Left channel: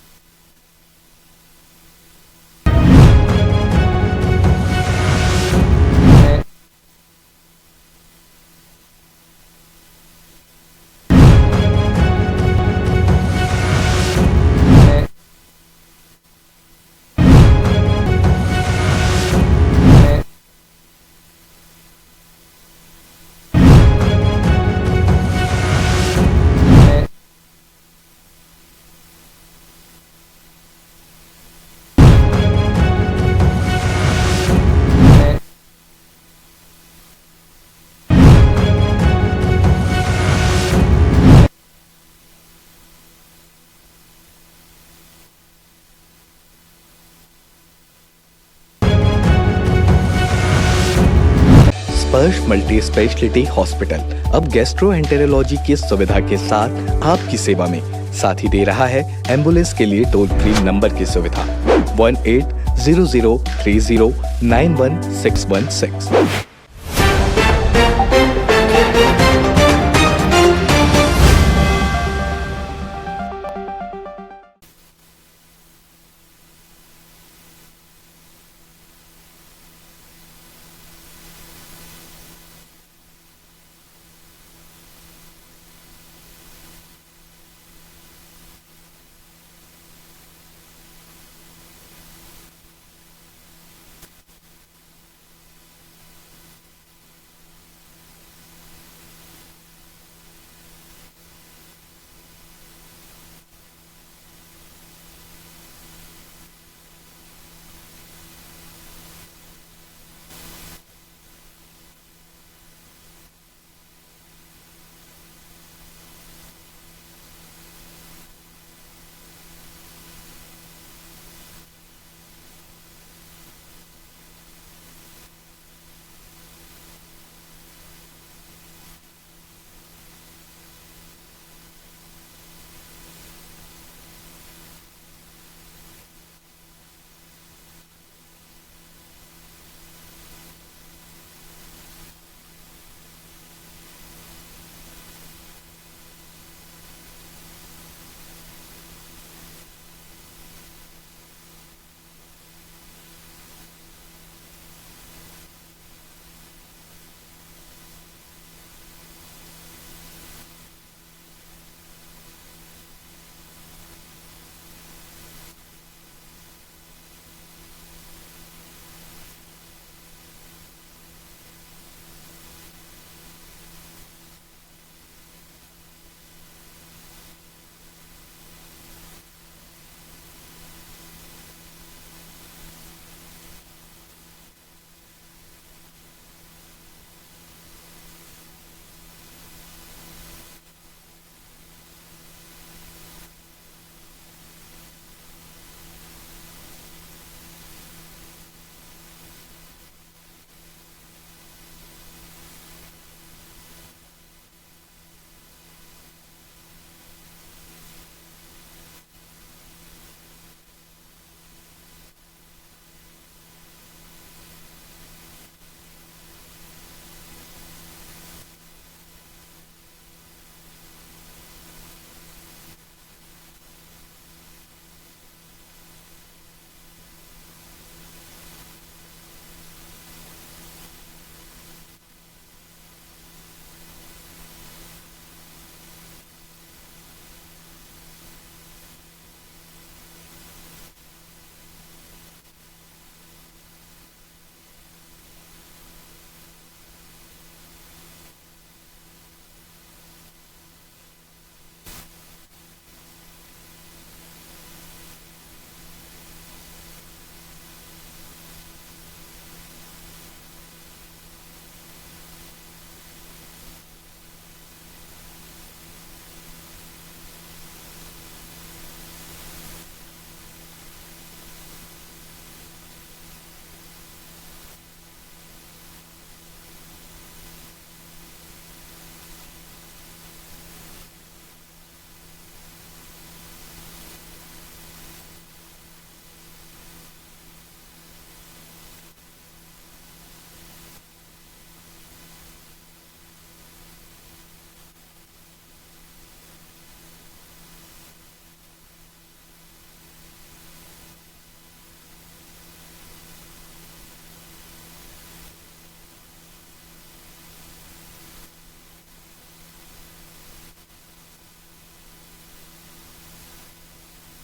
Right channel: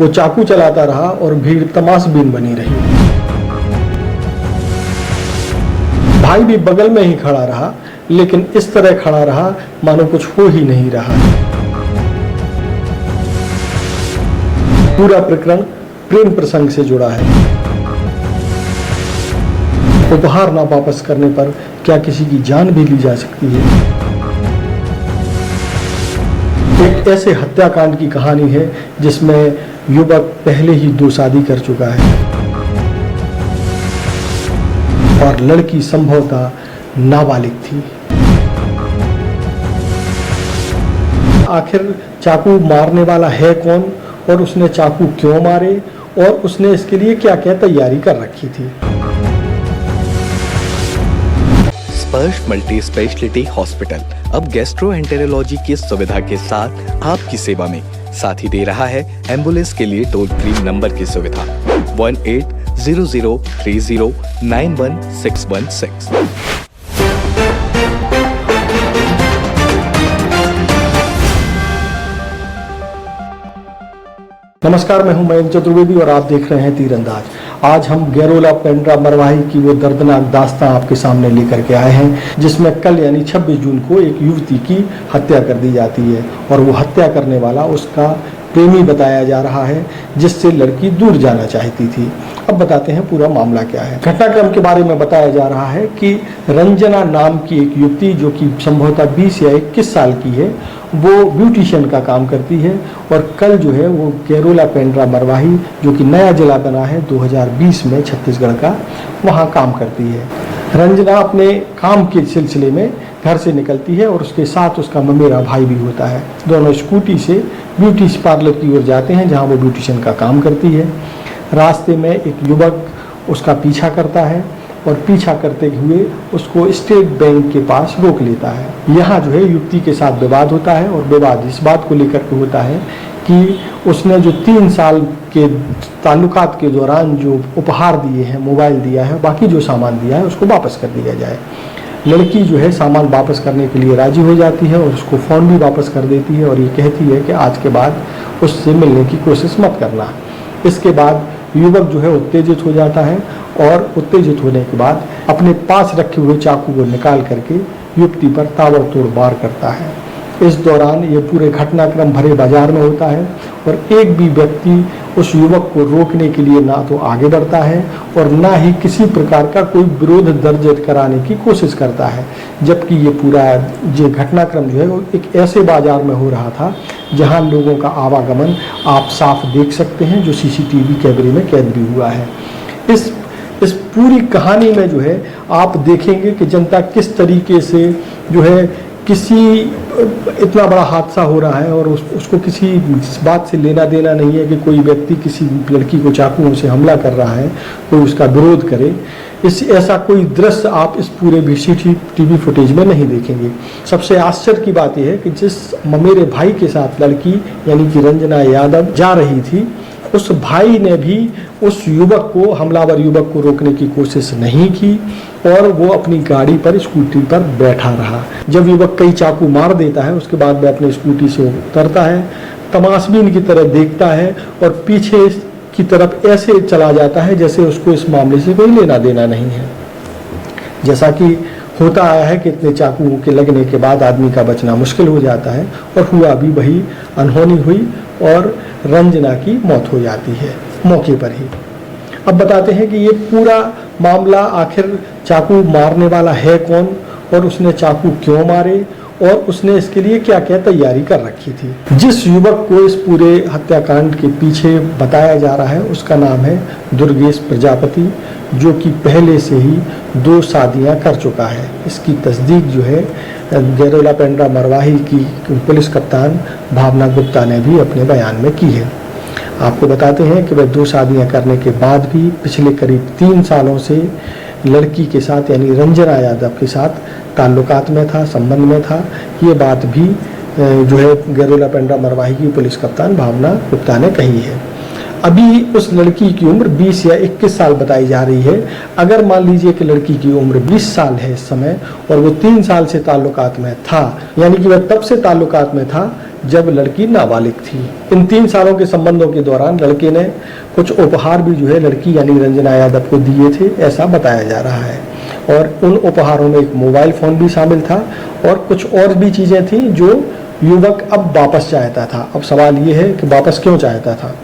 वो चाकू चलाता रहा और भीड़ तमाशबीन बनी रही। भाई भी बगल में ही खड़ा रहा, लेकिन इस तरह खड़ा रहा मानो कुछ हो ही नहीं रहा। पूरा प्रकरण प्रेम प्रसंग से जुड़ा है। उपहार ना वापस करने पर क्या किसी की जान भी ली जा सकती है? एक ऐसे हत्याकांड की कहानी है जिसमें युवक पहले ही 2 शादी कर चुका है और लड़की संभवतः नाबालिग थी। आखिर चाकू मारने वाला है कौन और उसने चाकू क्यों मारे और उसने इसके लिए क्या क्या तैयारी कर रखी थी? स्पर्श मल्टी स्पेशलिटी हॉस्पिटल अब गैस्ट्रोएंटेरोलॉजी की सुविधा के साथ आपकी सेवा में, साथ ही दे रहा है एम्बुलेंस के लिए टोल फ्री नंबर की सुविधा 180030911616। नमस्कार, मैं हूं मयंक चतुर्वेदी और आप देख रहे हैं तीरंदाज। आज हम गैरोला पेंड्रा मरवाही की वो दर्दनाक दास्तां आपके सामने लेकर के आए हैं, जिसमें कल यानी 26 जून को एक युवती की हत्या कर दी जाती है और वो हत्या करने वाला उसका प्रेमी बताया जा रहा है, जिससे लड़की दूर जाना चाहती थी। अब बताते हैं पूरा मामला क्या है। घटनाक्रम के बारे में बताया जा रहा है कि रंजना नाम की एक युवती, जो कि संभवतः 20 या 21 साल की है, वो ब्यूटिशियन का काम करती है और कल जो है वो गैरोला पेंड्रा मरवाही, जो कि नया जिला बना है 2020 में छत्तीसगढ़ का, वहाँ काम करती है। रंजना अपने काम के सिलसिले में घर से निकलती है और उसके साथ उसका ममेरा भाई भी होता है। दोनों स्कूटी से ब्यूटी पार्लर की ओर जाते हैं, जहाँ वो ब्यूटिशियन का काम करती है। रास्ते में एक युवक उसका पीछा करता है और पीछा करते हुए उसको स्टेट बैंक के पास रोक लेता है। यहाँ जो है युवती के साथ विवाद होता है और विवाद इस बात को लेकर के होता है कि उसने जो 3 साल के ताल्लुकात के दौरान जो उपहार दिए हैं, मोबाइल दिया है, बाकी जो सामान दिया है, उसको वापस कर दिया जाए। लड़की जो है सामान वापस करने के लिए राजी हो जाती है और उसको फ़ोन भी वापस कर देती है और ये कहती है कि आज के बाद उससे मिलने की कोशिश मत करना। इसके बाद युवक जो है उत्तेजित हो जाता है और उत्तेजित होने के बाद अपने पास रखे हुए चाकू को निकाल करके युवती पर ताबड़तोड़ वार करता है। इस दौरान ये पूरे घटनाक्रम भरे बाजार में होता है और एक भी व्यक्ति उस युवक को रोकने के लिए ना तो आगे बढ़ता है और ना ही किसी प्रकार का कोई विरोध दर्ज कराने की कोशिश करता है। जबकि ये पूरा जो घटनाक्रम जो है वो एक ऐसे बाजार में हो रहा था जहां लोगों का आवागमन आप साफ देख सकते हैं, जो सीसीटीवी कैमरे में कैद भी हुआ है। इस पूरी कहानी में जो है आप देखेंगे कि जनता किस तरीके से जो है किसी इतना बड़ा हादसा हो रहा है और उसको किसी बात से लेना देना नहीं है कि कोई व्यक्ति किसी लड़की को चाकुओं से हमला कर रहा है, कोई उसका विरोध करे। ऐसा कोई दृश्य आप इस पूरे सीसीटीवी फुटेज में नहीं देखेंगे। सबसे आश्चर्य की बात यह है कि जिस ममेरे भाई के साथ लड़की यानी कि रंजना यादव जा रही थी, उस भाई ने भी उस युवक को, हमलावर युवक को रोकने की कोशिश नहीं की और वो अपनी गाड़ी पर, स्कूटी पर बैठा रहा। जब युवक कई चाकू मार देता है, उसके बाद वह अपनी स्कूटी से उतरता है, तमाशबीन की तरह देखता है और पीछे की तरफ ऐसे चला जाता है जैसे उसको इस मामले से कोई लेना देना नहीं है। जैसा कि होता आया है कि इतने चाकू के लगने के बाद आदमी का बचना मुश्किल हो जाता है और हुआ भी वही, अनहोनी हुई और रंजना की मौत हो जाती है मौके पर ही। अब बताते हैं कि ये पूरा मामला आखिर चाकू मारने वाला है कौन और उसने चाकू क्यों मारे और उसने इसके लिए क्या क्या तैयारी कर रखी थी। जिस युवक को इस पूरे हत्याकांड के पीछे बताया जा रहा है उसका नाम है दुर्गेश प्रजापति, जो कि पहले से ही 2 शादियां कर चुका है। इसकी तस्दीक जो है गैरोला पेंड्रा मरवाही की पुलिस कप्तान भावना गुप्ता ने भी अपने बयान में की है। आपको बताते हैं कि वह 2 शादियां करने के बाद भी पिछले करीब 3 सालों से लड़की के साथ यानी रंजना यादव के साथ ताल्लुकात में था, संबंध में था। ये बात भी जो है गैरोला पेंड्रा मरवाही की पुलिस कप्तान भावना गुप्ता ने कही है। अभी उस लड़की की उम्र 20 या 21 साल बताई जा रही है। अगर मान लीजिए कि लड़की की उम्र 20 साल है इस समय और वो 3 साल से ताल्लुकात में था, यानी कि वह तब से ताल्लुकात में था जब लड़की नाबालिग थी। इन 3 सालों के संबंधों के दौरान लड़के ने कुछ उपहार भी जो है लड़की यानी रंजना यादव को दिए थे, ऐसा बताया जा रहा है। और उन उपहारों में एक मोबाइल फ़ोन भी शामिल था और कुछ और भी चीज़ें थी जो युवक अब वापस चाहता था। अब सवाल ये है कि वापस क्यों चाहता था।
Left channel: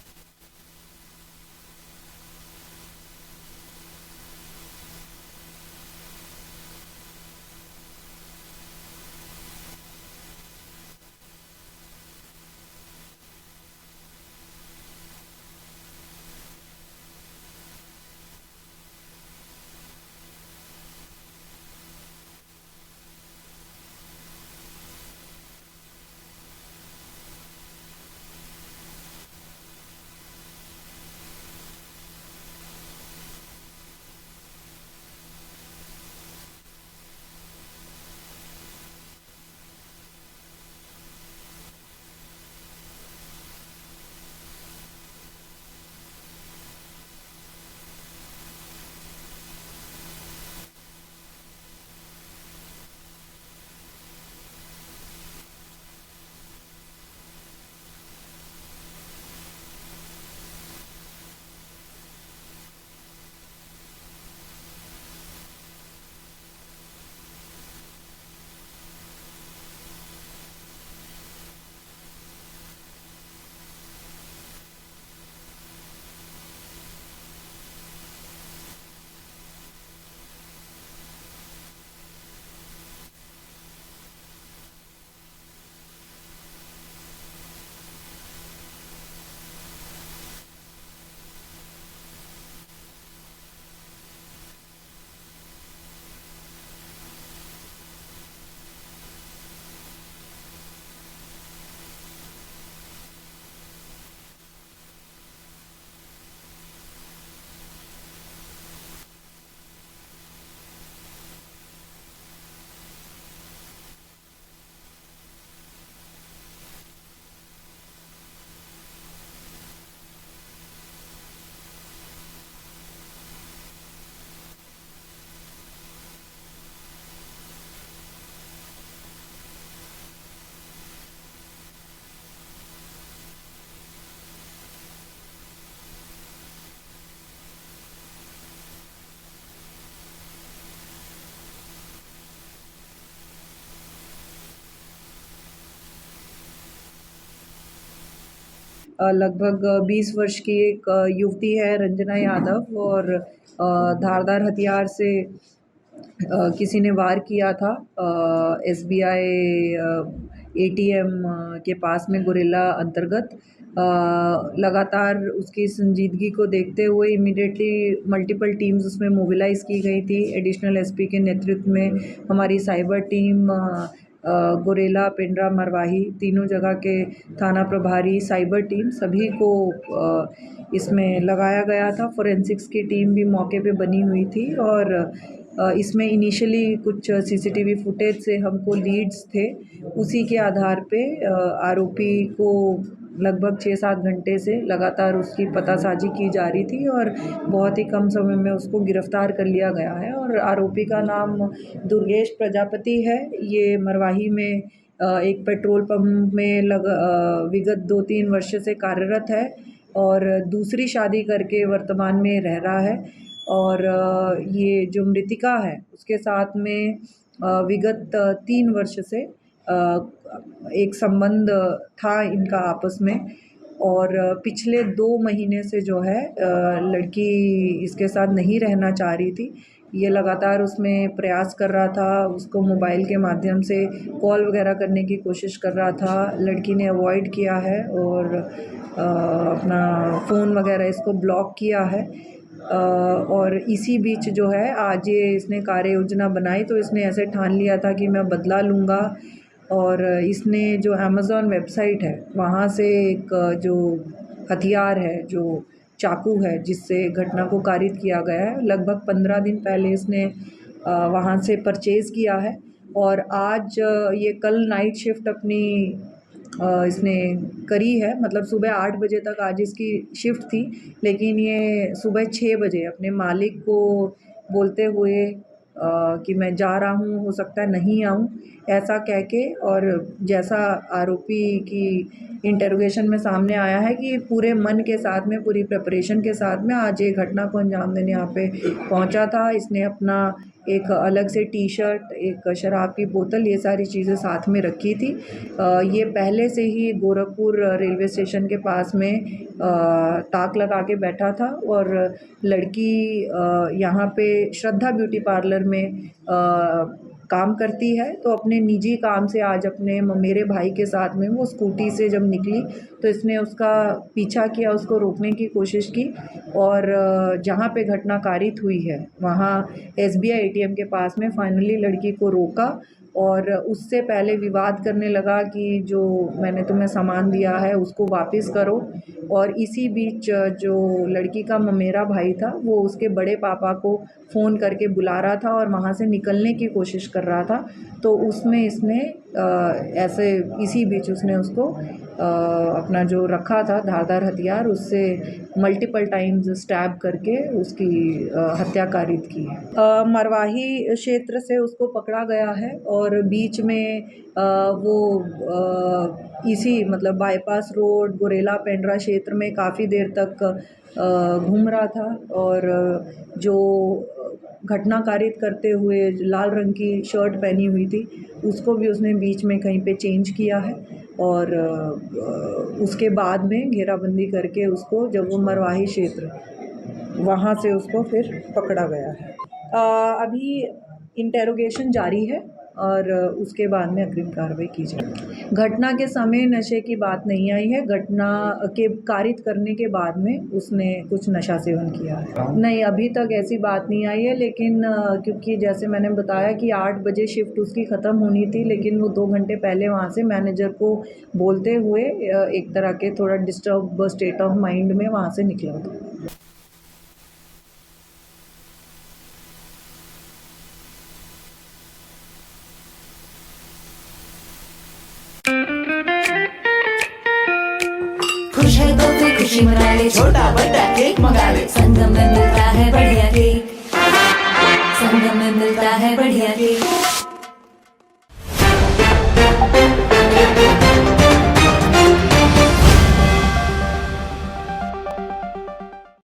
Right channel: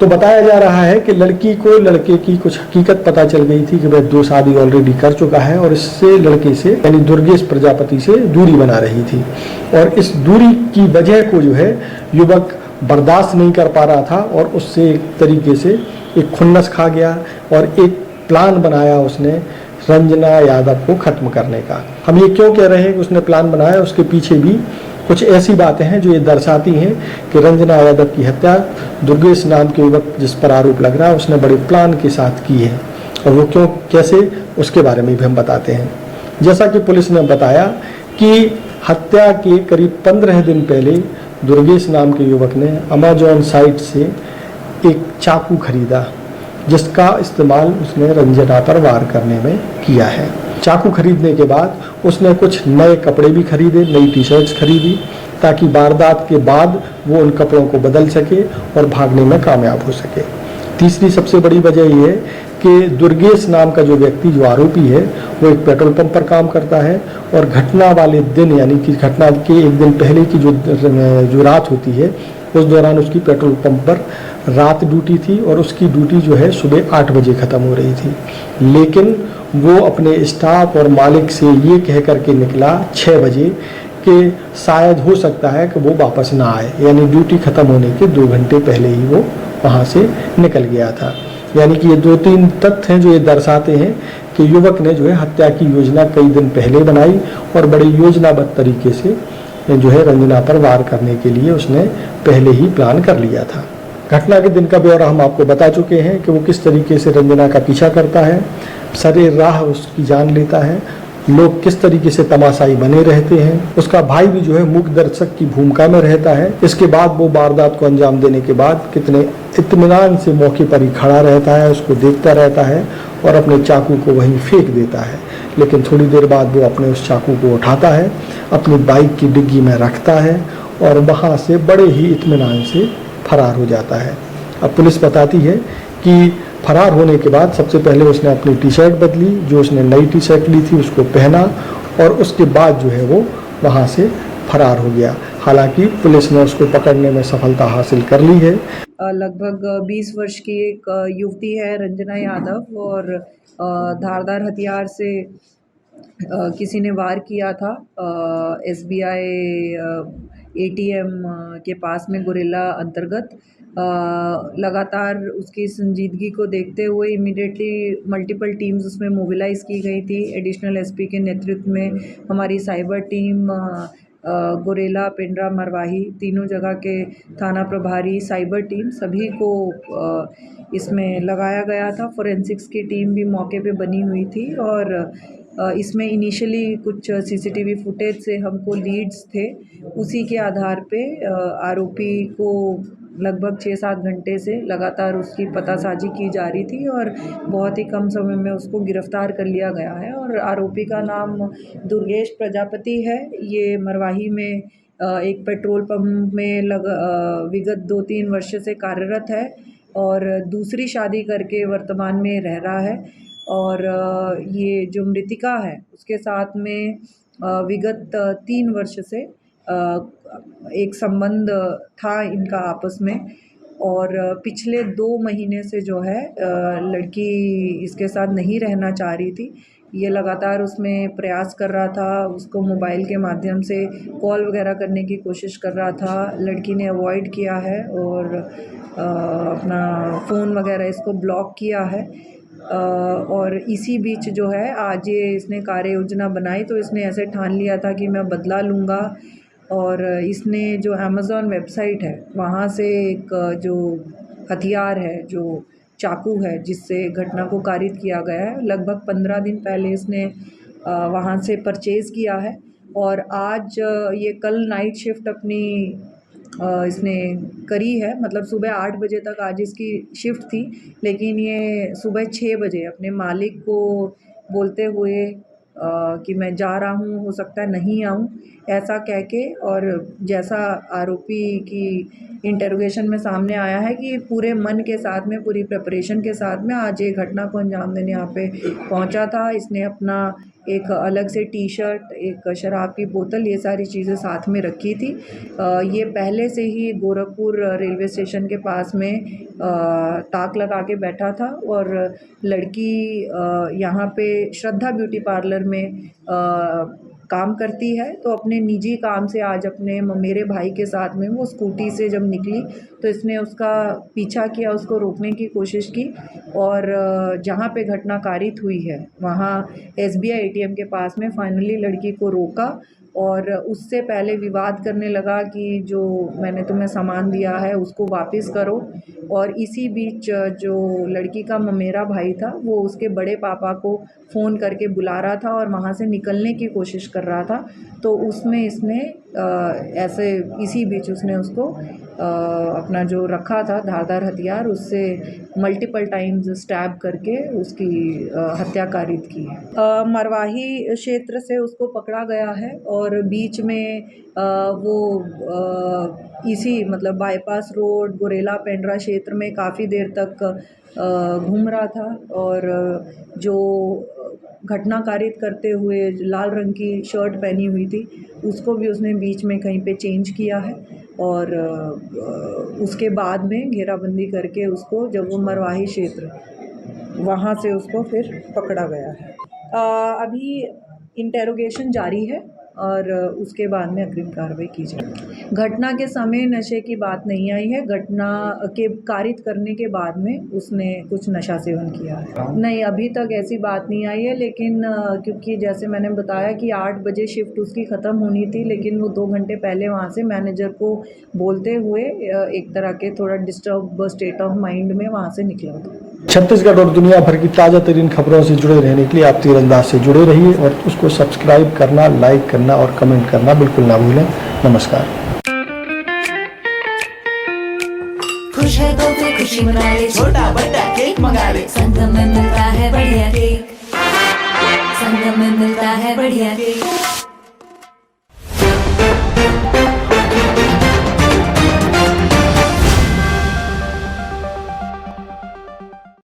तो बताया जा रहा है कि लड़की को लड़के की कुछ हकीकत पता चल गई थी कि वह 2 शादी ऑलरेडी कर चुका है और इससे लड़के से यानी दुर्गेश प्रजापति से दूरी बना रही थी। और इस दूरी की वजह को जो है युवक बर्दाश्त नहीं कर पा रहा था और उससे एक तरीके से एक खुन्नस खा गया और एक प्लान बनाया उसने रंजना यादव को खत्म करने का। हम ये क्यों कह रहे हैं कि उसने प्लान बनाया, उसके पीछे भी कुछ ऐसी बातें हैं जो ये दर्शाती हैं कि रंजना यादव की हत्या दुर्गेश नाम के युवक जिस पर आरोप लग रहा है उसने बड़े प्लान के साथ की है। और वो क्यों कैसे उसके बारे में भी हम बताते हैं। जैसा कि पुलिस ने बताया कि हत्या के करीब 15 दिन पहले दुर्गेश नाम के युवक ने अमेजॉन साइट से एक चाकू खरीदा जिसका इस्तेमाल उसने रंजना पर वार करने में किया है। चाकू खरीदने के बाद उसने कुछ नए कपड़े भी खरीदे, नई टी-शर्ट्स खरीदी ताकि वारदात के बाद वो उन कपड़ों को बदल सके और भागने में कामयाब हो सके। तीसरी सबसे बड़ी वजह ये है कि दुर्गेश नाम का जो व्यक्ति जो आरोपी है वो एक पेट्रोल पंप पर काम करता है और घटना वाले दिन यानी कि घटना के एक दिन पहले की जो रात होती है उस दौरान उसकी पेट्रोल पंप पर रात ड्यूटी थी और उसकी ड्यूटी जो है सुबह 8 बजे ख़त्म हो रही थी। लेकिन वो अपने स्टाफ और मालिक से ये कह करके निकला 6 बजे कि शायद हो सकता है कि वो वापस ना आए, यानी ड्यूटी ख़त्म होने के 2 घंटे पहले ही वो वहाँ से निकल गया था। यानी कि ये 2-3 तथ्य हैं जो ये दर्शाते हैं कि युवक ने जो है हत्या की योजना कई दिन पहले बनाई और बड़ी योजनाबद्ध तरीके से जो है रंजना पर वार करने के लिए उसने पहले ही प्लान कर लिया था। घटना के दिन का ब्यौरा हम आपको बता चुके हैं कि वो किस तरीके से रंजना का पीछा करता है, सरे राह उसकी जान लेता है, लोग किस तरीके से तमाशाई बने रहते हैं। उसका भाई भी जो है मूक दर्शक की भूमिका में रहता है। इसके बाद वो वारदात को अंजाम देने के बाद कितने इत्मीनान से मौके पर ही खड़ा रहता है, उसको देखता रहता है और अपने चाकू को वहीं फेंक देता है। लेकिन थोड़ी देर बाद वो अपने उस चाकू को उठाता है, अपनी बाइक की डिग्गी में रखता है और वहाँ से बड़े ही इत्मीनान से फरार हो जाता है। अब पुलिस बताती है कि फरार होने के बाद सबसे पहले उसने अपनी टी-शर्ट बदली, जो उसने नई टी-शर्ट ली थी उसको पहना और उसके बाद जो है वो वहाँ से फरार हो गया। हालांकि पुलिस ने उसको पकड़ने में सफलता हासिल कर ली है। लगभग 20 वर्ष की एक युवती है रंजना यादव और धारदार हथियार से किसी ने वार किया था SBI ATM के पास में गुरेला अंतर्गत। लगातार उसकी संजीदगी को देखते हुए इमीडिएटली मल्टीपल टीम्स उसमें मोबिलाइज़ की गई थी। एडिशनल SP के नेतृत्व में हमारी साइबर टीम, गुरेला, पेंड्रा, मरवाही तीनों जगह के थाना प्रभारी, साइबर टीम सभी को इसमें लगाया गया था। फोरेंसिक्स की टीम भी मौके पे बनी हुई थी और इसमें इनिशियली कुछ CCTV फुटेज से हमको लीड्स थे, उसी के आधार पे आरोपी को लगभग 6-7 घंटे से लगातार उसकी पतासाजी की जा रही थी और बहुत ही कम समय में उसको गिरफ्तार कर लिया गया है। और आरोपी का नाम दुर्गेश प्रजापति है। ये मरवाही में एक पेट्रोल पंप में विगत 2-3 वर्ष से कार्यरत है और दूसरी शादी करके वर्तमान में रह रहा है। और ये जो मृतिका है उसके साथ में विगत 3 वर्ष से एक संबंध था इनका आपस में और पिछले 2 महीने से जो है लड़की इसके साथ नहीं रहना चाह रही थी। ये लगातार उसमें प्रयास कर रहा था, उसको मोबाइल के माध्यम से कॉल वगैरह करने की कोशिश कर रहा था। लड़की ने अवॉइड किया है और अपना फ़ोन वगैरह इसको ब्लॉक किया है। और इसी बीच जो है आज ये इसने कार्य योजना बनाई, तो इसने ऐसे ठान लिया था कि मैं बदला लूँगा। और इसने जो अमेज़ॉन वेबसाइट है वहाँ से एक जो हथियार है, जो चाकू है जिससे घटना को कारित किया गया है, लगभग 15 दिन पहले इसने वहाँ से परचेज़ किया है। और आज ये कल नाइट शिफ्ट अपनी इसने करी है, मतलब सुबह 8 बजे तक आज इसकी शिफ्ट थी, लेकिन ये सुबह 6 बजे अपने मालिक को बोलते हुए कि मैं जा रहा हूँ, हो सकता है नहीं आऊँ, ऐसा कह के। और जैसा आरोपी की इंटरोगेशन में सामने आया है कि पूरे मन के साथ में, पूरी प्रिपरेशन के साथ में आज ये घटना को अंजाम देने यहाँ पे पहुँचा था। इसने अपना एक अलग से टी शर्ट, एक शराब की बोतल, ये सारी चीज़ें साथ में रखी थी। ये पहले से ही गोरखपुर रेलवे स्टेशन के पास में ताक लगा के बैठा था। और लड़की यहाँ पे श्रद्धा ब्यूटी पार्लर में काम करती है, तो अपने निजी काम से आज अपने मेरे भाई के साथ में वो स्कूटी से जब निकली तो इसने उसका पीछा किया, उसको रोकने की कोशिश की। और जहाँ पे घटना कारित हुई है वहाँ SBI ATM के पास में फाइनली लड़की को रोका और उससे पहले विवाद करने लगा कि जो मैंने तुम्हें सामान दिया है उसको वापस करो। और इसी बीच जो लड़की का ममेरा भाई था वो उसके बड़े पापा को फ़ोन करके बुला रहा था और वहाँ से निकलने की कोशिश कर रहा था। तो उसमें इसने ऐसे इसी बीच उसने उसको अपना जो रखा था धारदार हथियार, उससे मल्टीपल टाइम्स स्टैब करके उसकी हत्या कारित की है। मरवाही क्षेत्र से उसको पकड़ा गया है और बीच में वो इसी मतलब बाईपास रोड गुरेला पेंड्रा क्षेत्र में काफ़ी देर तक घूम रहा था। और जो घटना कारित करते हुए लाल रंग की शर्ट पहनी हुई थी उसको भी उसने बीच में कहीं पे चेंज किया है। और उसके बाद में घेराबंदी करके उसको, जब वो मरवाही क्षेत्र वहाँ से उसको फिर पकड़ा गया है। अभी इंटेरोगेशन जारी है और उसके बाद में अग्रिम कार्रवाई की जाएगी। घटना के समय नशे की बात नहीं आई है। घटना के कारित करने के बाद में उसने कुछ नशा सेवन किया है। नहीं, अभी तक ऐसी बात नहीं आई है, लेकिन क्योंकि जैसे मैंने बताया कि 8 बजे शिफ्ट उसकी ख़त्म होनी थी, लेकिन वो 2 घंटे पहले वहाँ से मैनेजर को बोलते हुए एक तरह के थोड़ा डिस्टर्ब स्टेट ऑफ माइंड में वहाँ से निकला था। छत्तीसगढ़ और दुनिया भर की ताज़ा तरीन खबरों से जुड़े रहने के लिए आप तीरंदाज से जुड़े रहिए और उसको सब्सक्राइब करना, लाइक करना और कमेंट करना बिल्कुल ना भूलें। नमस्कार। खुश है तो फिर खुशी मना ले, छोटा बड़ा केक मंगा ले, संगम में मिलता है बढ़िया केक, संगम में मिलता है बढ़िया केक।